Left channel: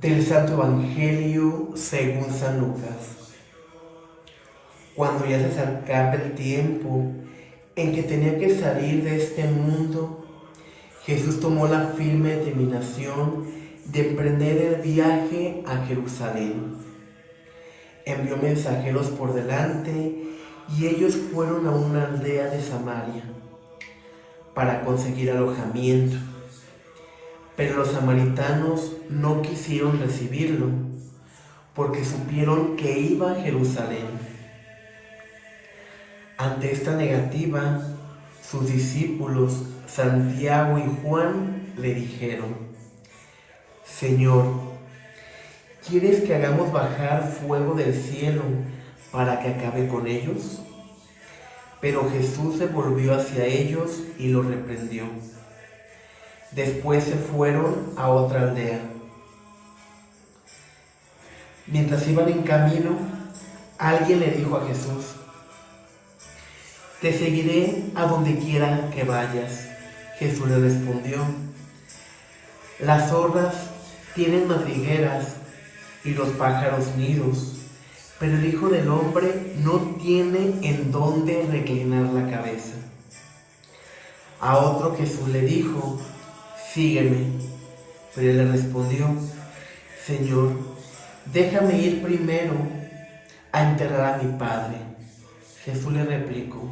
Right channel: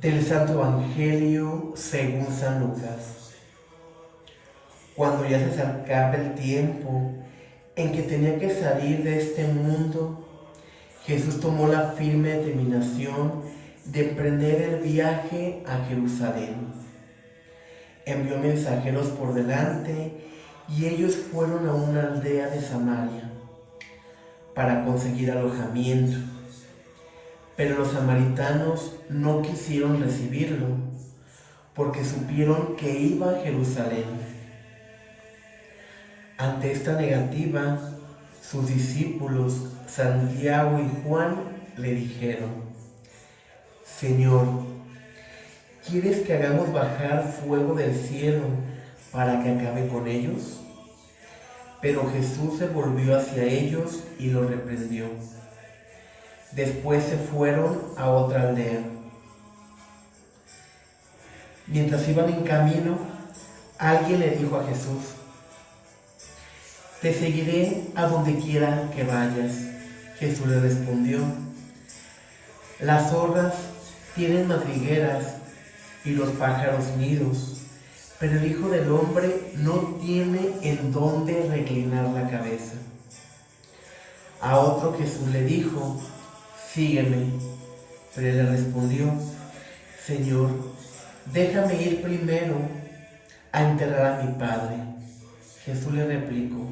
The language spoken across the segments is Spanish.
Del Santo Evangelio según San Lucas. Cuando ya se acercaba el tiempo en que tenía que salir de este mundo, Jesús tomó la firme determinación de emprender el viaje a Jerusalén. Envió mensajeros por delante y ellos fueron a una aldea de Samaria para conseguir alojamiento. Pero los samaritanos no quisieron recibirlo porque supieron que iba a Jerusalén. Ante esta negativa, sus discípulos Santiago y Juan le dijeron: Señor, ¿quieres que hagamos bajar fuego del cielo para que acabe con ellos? Pero Jesús se volvió hacia ellos y los reprendió. Después se fueron a otra aldea. Mientras iban en camino, alguien le dijo a Jesús: Te seguiré a donde quiera que vayas. Jesús le respondió: Las zorras tienen madrigueras y los pájaros nidos, pero el Hijo del Hombre no tiene en dónde reclinar la cabeza. A otro Jesús le dijo: Sígueme. Pero él le respondió: Señor, déjame ir primero a enterrar a mi padre. Jesús le replicó:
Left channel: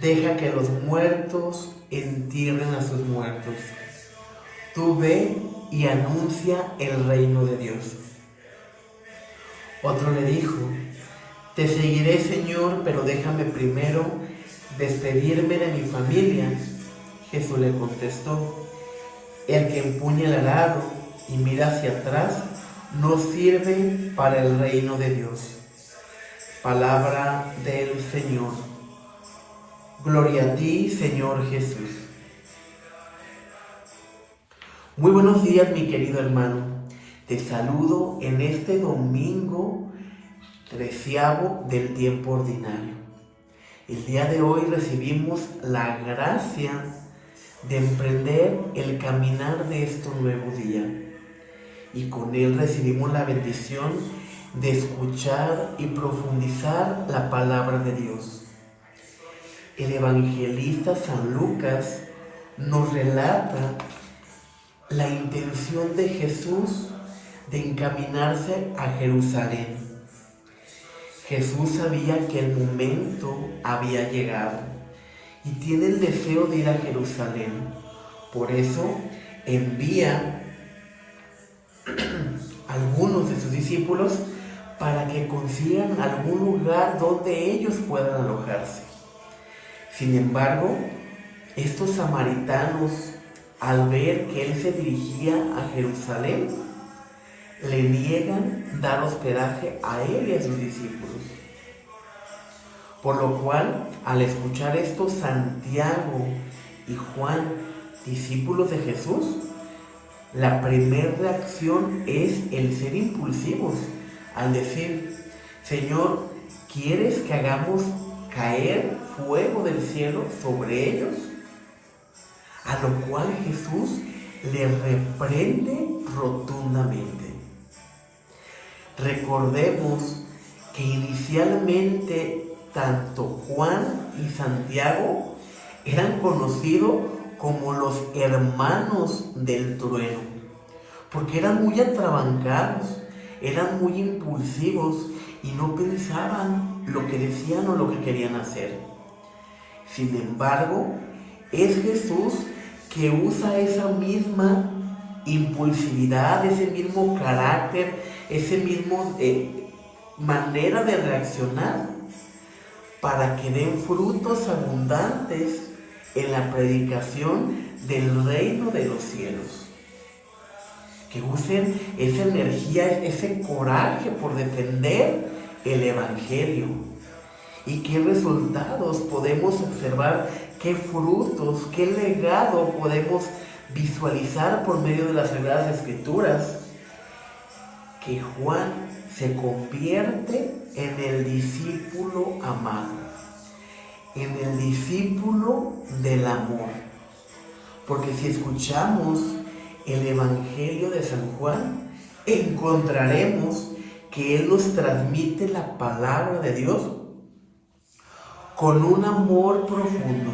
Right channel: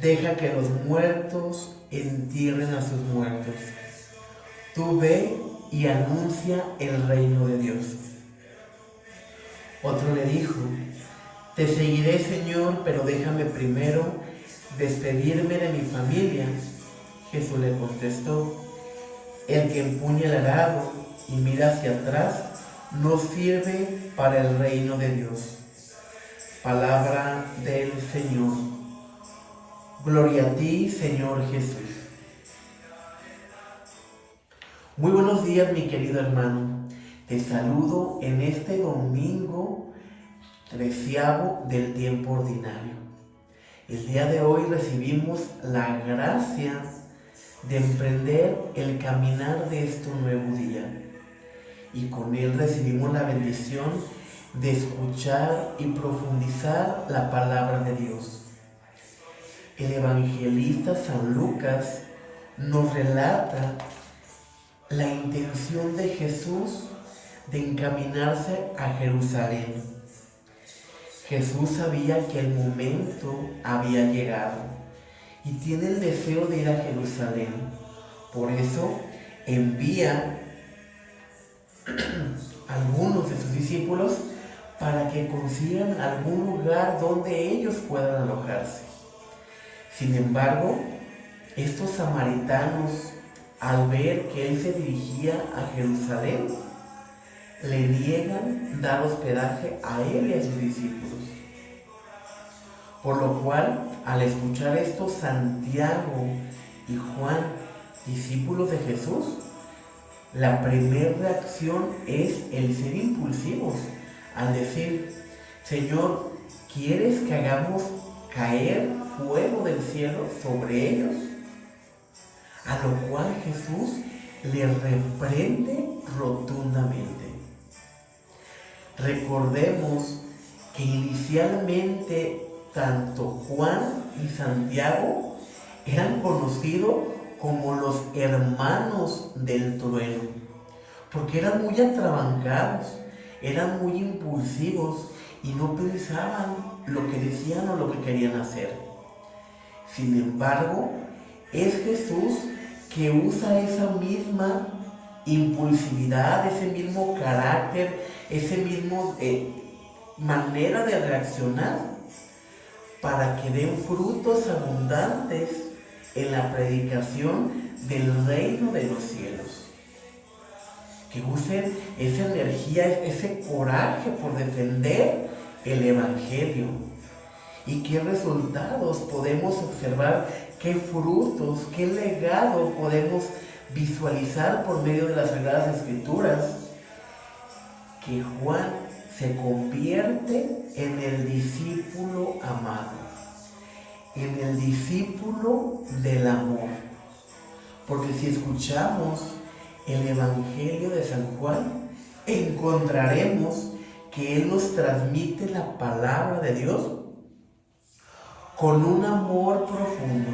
Deja que los muertos entierren a sus muertos. Tú ve y anuncia el reino de Dios. Otro le dijo: Te seguiré, Señor, pero déjame primero despedirme de mi familia. Jesús le contestó: El que empuña el arado y mira hacia atrás no sirve para el reino de Dios. Palabra del Señor. Gloria a ti, Señor Jesús. Muy buenos días, mi querido hermano. Te saludo en este domingo 13º del tiempo ordinario. El día de hoy recibimos la gracia de emprender el caminar de este nuevo día. Y con él recibimos la bendición de escuchar y profundizar la palabra de Dios. El evangelista San Lucas nos relata la intención de Jesús de encaminarse a Jerusalén. Jesús sabía que el momento había llegado y tiene el deseo de ir a Jerusalén. Por eso envía a algunos de sus discípulos para que consigan algún lugar donde ellos puedan alojarse. Sin embargo, estos samaritanos, al ver que él se dirigía a Jerusalén, le niegan dar hospedaje a él y a sus discípulos. Por lo cual, al escuchar esto, Santiago y Juan, discípulos de Jesús, la primera reacción es el ser impulsivos, al decir: Señor, ¿quieres que hagamos caer fuego del cielo sobre ellos? A lo cual Jesús le reprende rotundamente. Recordemos que inicialmente tanto Juan y Santiago eran conocidos como los hermanos del trueno, porque eran muy atrabancados, eran muy impulsivos y no pensaban lo que decían o lo que querían hacer. Sin embargo, es Jesús que usa esa misma impulsividad, ese mismo carácter, ese mismo manera de reaccionar para que den frutos abundantes en la predicación del reino de los cielos. Que usen esa energía, ese coraje por defender el Evangelio. ¿Y qué resultados podemos observar? ¿Qué frutos, qué legado podemos visualizar por medio de las Sagradas Escrituras? Que Juan se convierte en el discípulo amado, en el discípulo del amor. Porque si escuchamos el Evangelio de San Juan, encontraremos que Él nos transmite la palabra de Dios con un amor profundo,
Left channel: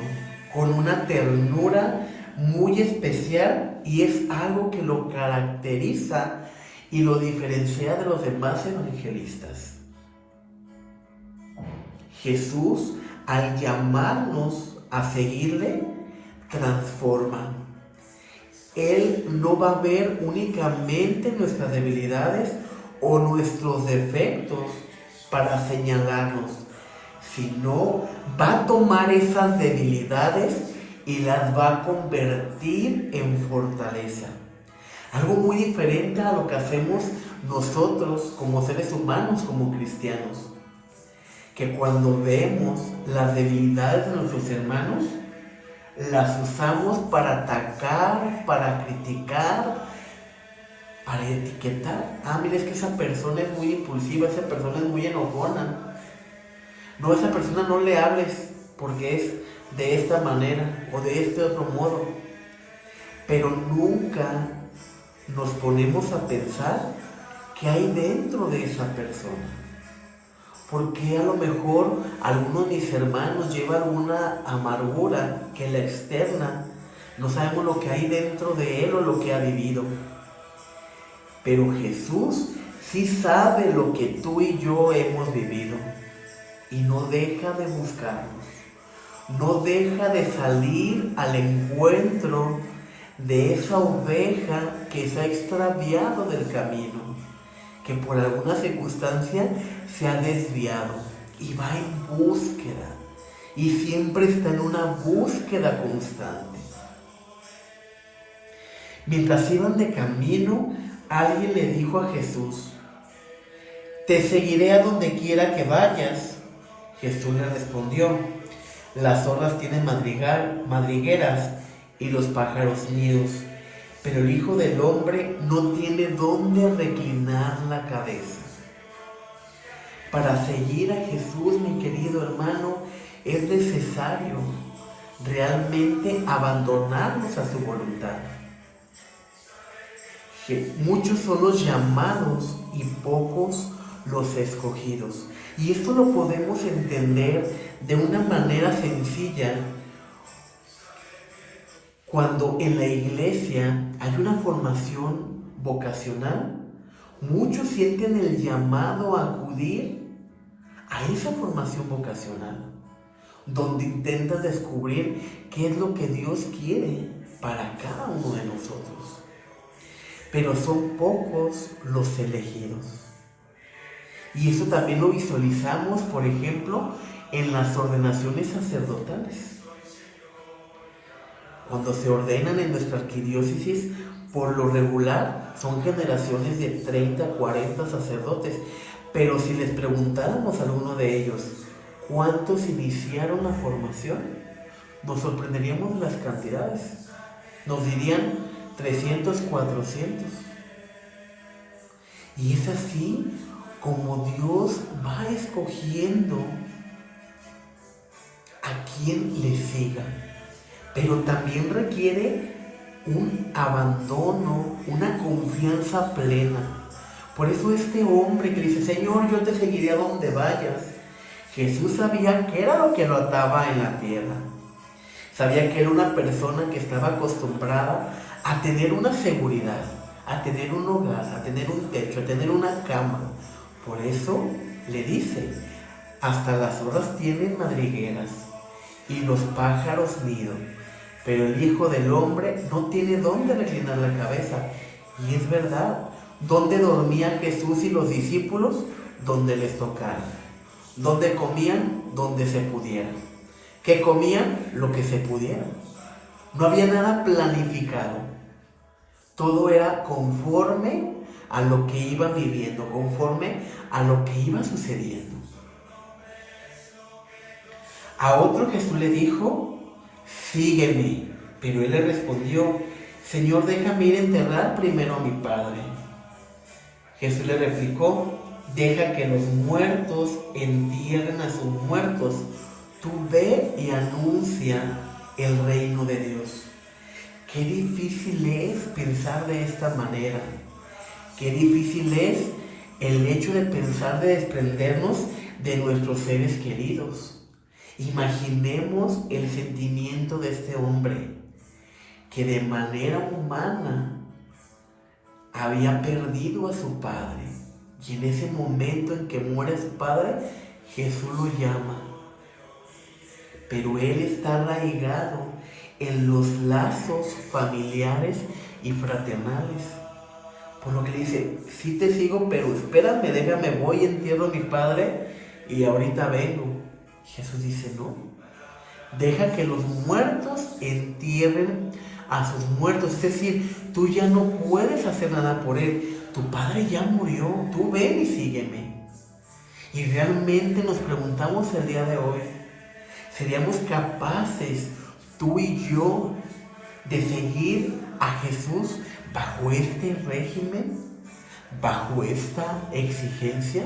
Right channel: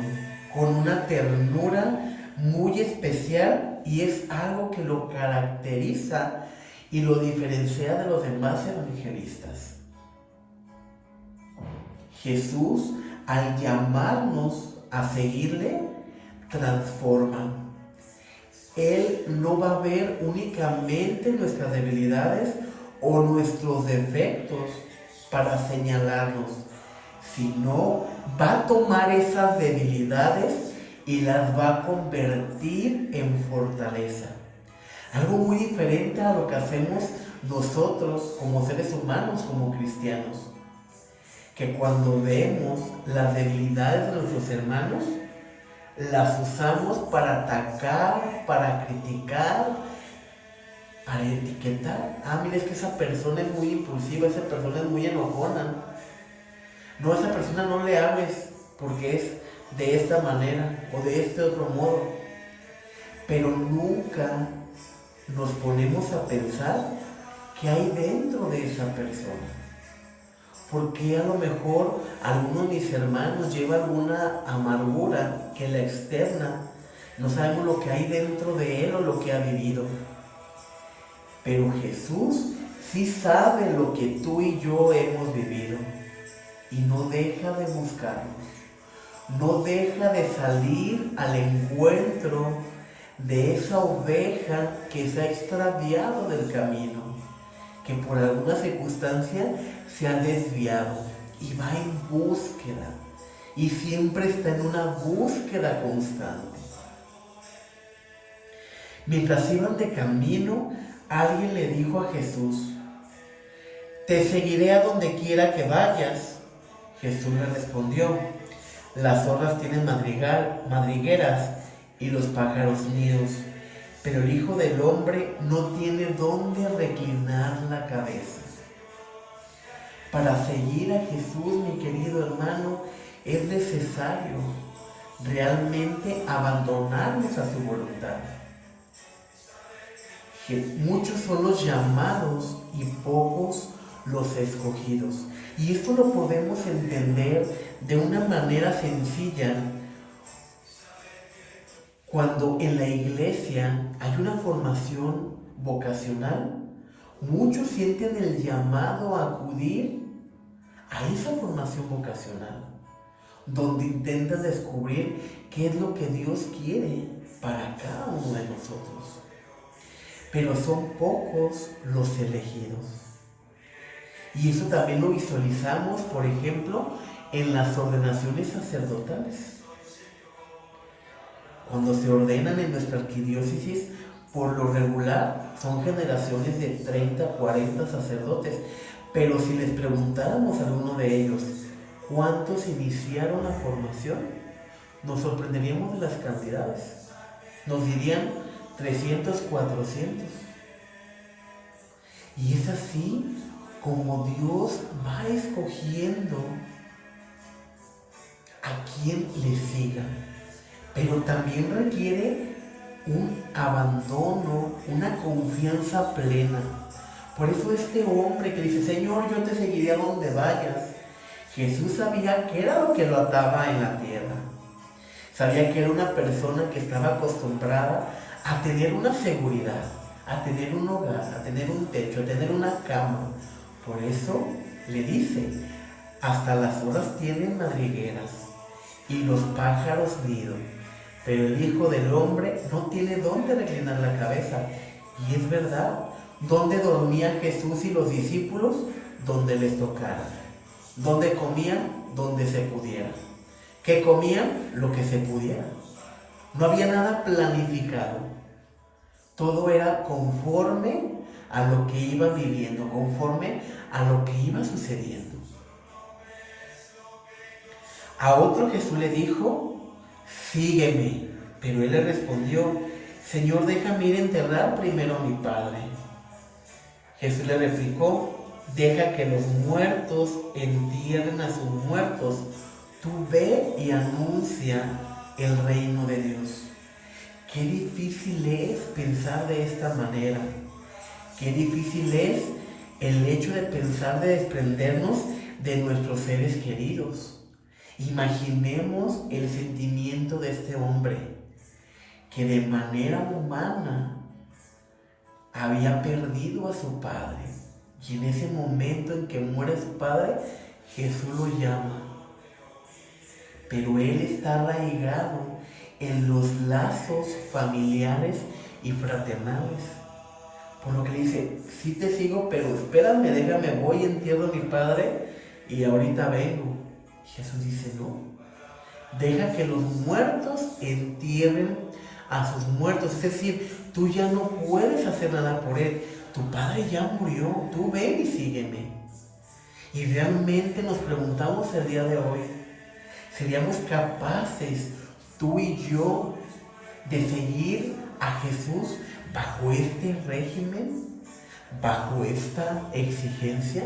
con una ternura muy especial, y es algo que lo caracteriza y lo diferencia de los demás evangelistas. Jesús, al llamarnos a seguirle, transforma. Él no va a ver únicamente nuestras debilidades o nuestros defectos para señalarnos, sino va a tomar esas debilidades y las va a convertir en fortaleza. Algo muy diferente a lo que hacemos nosotros como seres humanos, como cristianos, que cuando vemos las debilidades de nuestros hermanos, las usamos para atacar, para criticar, para etiquetar. Mira, es que esa persona es muy impulsiva, esa persona es muy enojona. No, a esa persona no le hables porque es de esta manera o de este otro modo. Pero nunca nos ponemos a pensar qué hay dentro de esa persona. Porque a lo mejor alguno de mis hermanos lleva alguna amargura que la externa. No sabemos lo que hay dentro de él o lo que ha vivido. Pero Jesús sí sabe lo que tú y yo hemos vivido. Y no deja de buscarnos. No deja de salir al encuentro de esa oveja que se ha extraviado del camino, que por alguna circunstancia se ha desviado, y va en búsqueda, y siempre está en una búsqueda constante. Mientras iban de camino, alguien le dijo a Jesús: «Te seguiré a donde quiera que vayas». Jesús le respondió: «Las zorras tienen madrigueras y los pájaros nidos, pero el Hijo del Hombre no tiene dónde reclinar la cabeza». Para seguir a Jesús, mi querido hermano, es necesario realmente abandonarnos a su voluntad. Muchos son los llamados y pocos los escogidos. Y esto lo podemos entender de una manera sencilla cuando en la iglesia hay una formación vocacional. Muchos sienten el llamado a acudir a esa formación vocacional, donde intentan descubrir qué es lo que Dios quiere para cada uno de nosotros. Pero son pocos los elegidos. Y eso también lo visualizamos, por ejemplo, en las ordenaciones sacerdotales. Cuando se ordenan en nuestra arquidiócesis, por lo regular son generaciones de 30, 40 sacerdotes. Pero si les preguntáramos a alguno de ellos cuántos iniciaron la formación, nos sorprenderíamos de las cantidades. Nos dirían 300, 400. Y es así como Dios va escogiendo a quien le siga. Pero también requiere un abandono, una confianza plena. Por eso este hombre que dice: «Señor, yo te seguiré a donde vayas», Jesús sabía que era lo que lo ataba en la tierra. Sabía que era una persona que estaba acostumbrada a tener una seguridad, a tener un hogar, a tener un techo, a tener una cama. Por eso le dice: «Hasta las zorras tienen madrigueras y los pájaros nido, pero el Hijo del Hombre no tiene dónde reclinar la cabeza». Y es verdad. ¿Dónde dormía Jesús y los discípulos? Donde les tocara. ¿Dónde comían? Donde se pudiera. ¿Qué comían? Lo que se pudiera. No había nada planificado. Todo era conforme a lo que iba viviendo, conforme a lo que iba sucediendo. A otro Jesús le dijo: «Sígueme». Pero él le respondió: «Señor, déjame ir a enterrar primero a mi padre». Jesús le replicó: «Deja que los muertos entierren a sus muertos. Tú ve y anuncia el reino de Dios». Qué difícil es pensar de esta manera. Qué difícil es el hecho de pensar de desprendernos de nuestros seres queridos. Imaginemos el sentimiento de este hombre que de manera humana había perdido a su padre. Y en ese momento en que muere su padre, Jesús lo llama. Pero él está arraigado en los lazos familiares y fraternales. Por lo que le dice, sí te sigo, pero espérame, déjame, voy, entierro a mi padre y ahorita vengo. Jesús dice, no, deja que los muertos entierren a sus muertos. Es decir, tú ya no puedes hacer nada por él. Tu padre ya murió, tú ven y sígueme. Y realmente nos preguntamos el día de hoy, ¿seríamos capaces, tú y yo, de seguir a Jesús bajo este régimen, bajo esta exigencia?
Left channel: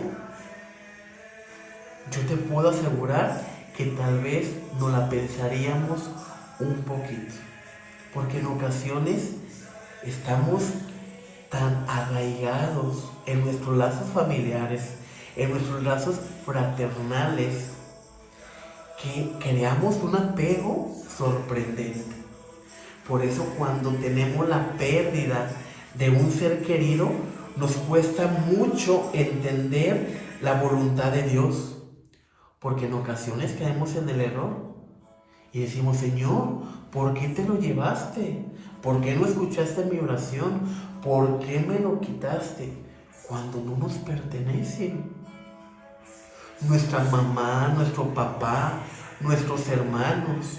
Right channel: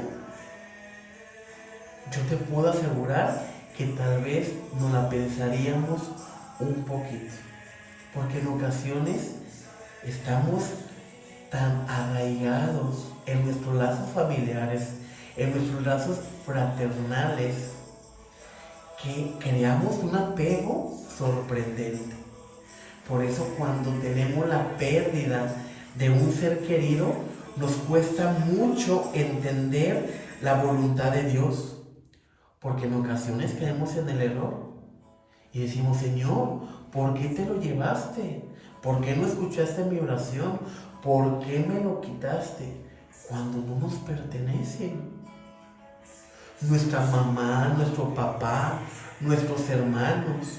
Yo te puedo asegurar que tal vez no la pensaríamos un poquito, porque en ocasiones estamos tan arraigados en nuestros lazos familiares, en nuestros lazos fraternales, que creamos un apego sorprendente. Por eso cuando tenemos la pérdida de un ser querido, nos cuesta mucho entender la voluntad de Dios. Porque en ocasiones caemos en el error y decimos, Señor, ¿por qué te lo llevaste? ¿Por qué no escuchaste mi oración? ¿Por qué me lo quitaste? Cuando no nos pertenecen. Nuestra mamá, nuestro papá, nuestros hermanos,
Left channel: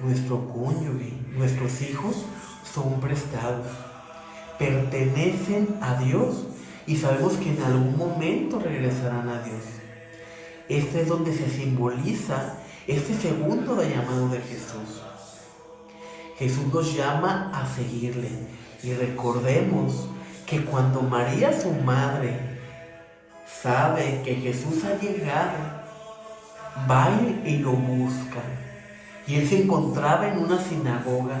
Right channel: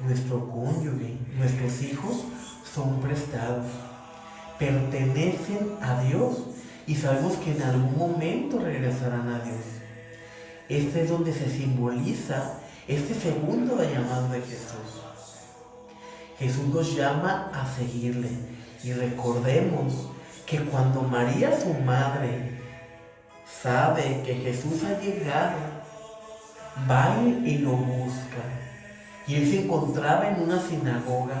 nuestro cónyuge, nuestros hijos son prestados. Pertenecen a Dios y sabemos que en algún momento regresarán a Dios. Este es donde se simboliza este segundo llamado de Jesús. Jesús nos llama a seguirle. Y recordemos que cuando María, su madre, sabe que Jesús ha llegado, va y lo busca. Y él se encontraba en una sinagoga.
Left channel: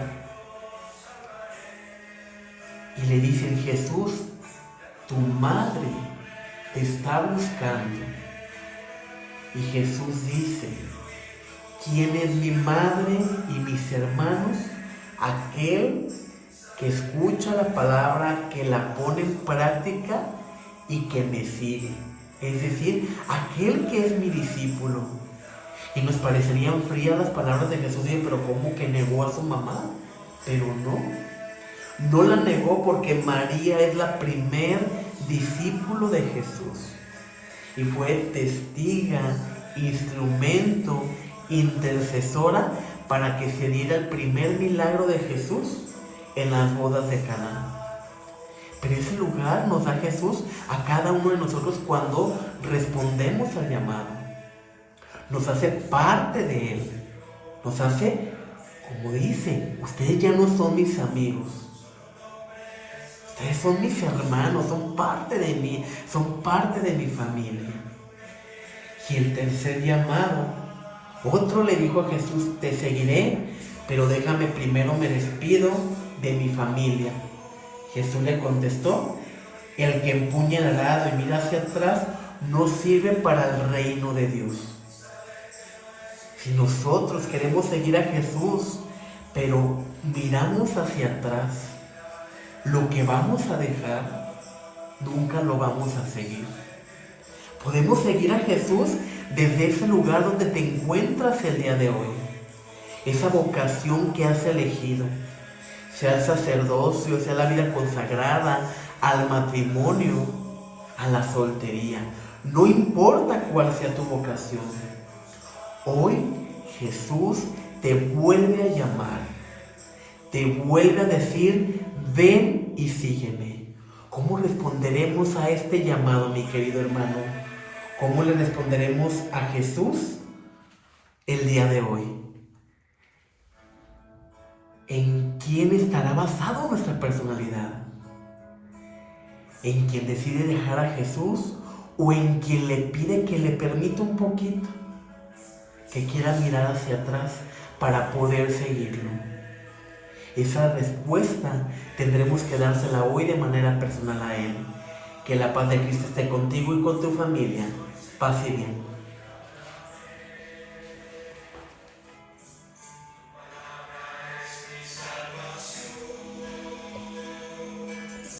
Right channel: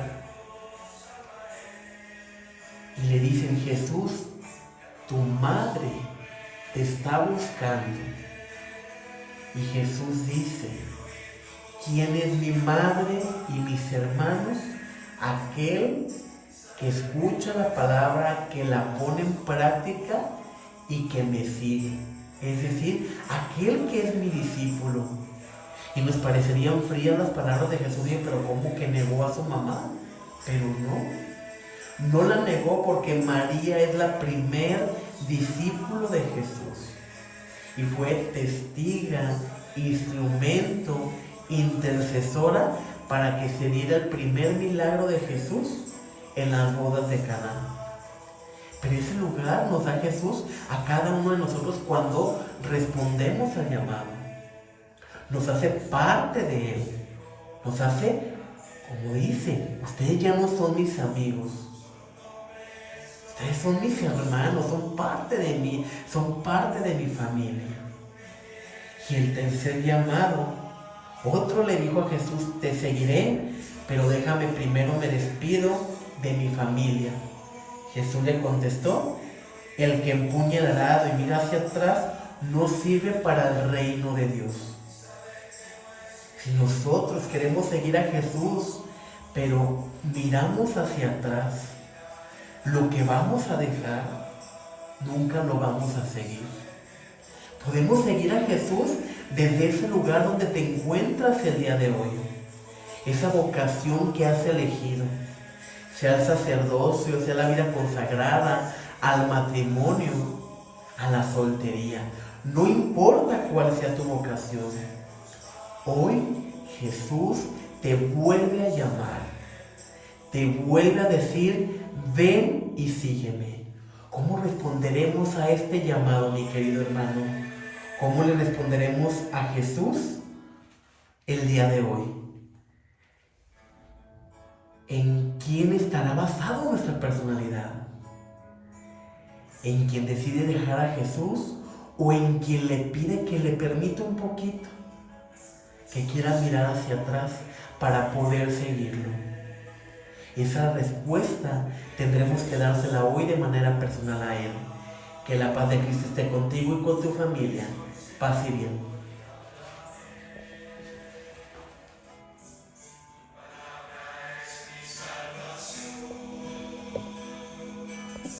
Y le dicen, Jesús, tu madre te está buscando. Y Jesús dice, ¿quién es mi madre y mis hermanos? Aquel que escucha la palabra, que la pone en práctica y que me sigue. Es decir, aquel que es mi discípulo. Y nos parecerían frías las palabras de Jesús, pero ¿cómo que negó a su mamá? Pero no la negó porque María es la primer discípulo de Jesús. Y fue testiga, instrumento, intercesora para que se diera el primer milagro de Jesús en las bodas de Caná. Pero ese lugar nos da Jesús a cada uno de nosotros cuando respondemos al llamado. Nos hace parte de Él. Nos hace, como dice, ustedes ya no son mis amigos. Ustedes son mis hermanos, son parte de mí, son parte de mi familia. Y el tercer llamado, otro le dijo a Jesús, te seguiré, pero déjame primero me despido de mi familia. Jesús le contestó, el que empuña el arado y mira hacia atrás no sirve para el reino de Dios. Si nosotros queremos seguir a Jesús, pero miramos hacia atrás, lo que vamos a dejar, nunca lo vamos a seguir. Podemos seguir a Jesús desde ese lugar donde te encuentras el día de hoy. Esa vocación que has elegido, sea el sacerdocio, sea la vida consagrada, al matrimonio, a la soltería. No importa cuál sea tu vocación. Hoy Jesús te vuelve a llamar. Te vuelve a decir, ven y sígueme. ¿Cómo responderemos a este llamado, mi querido hermano? ¿Cómo le responderemos a Jesús el día de hoy? ¿En quién estará basado nuestra personalidad? ¿En quien decide dejar a Jesús o en quien le pide que le permita un poquito? Que quiera mirar hacia atrás para poder seguirlo. Esa respuesta tendremos que dársela hoy de manera personal a Él. Que la paz de Cristo esté contigo y con tu familia. Paz y bien.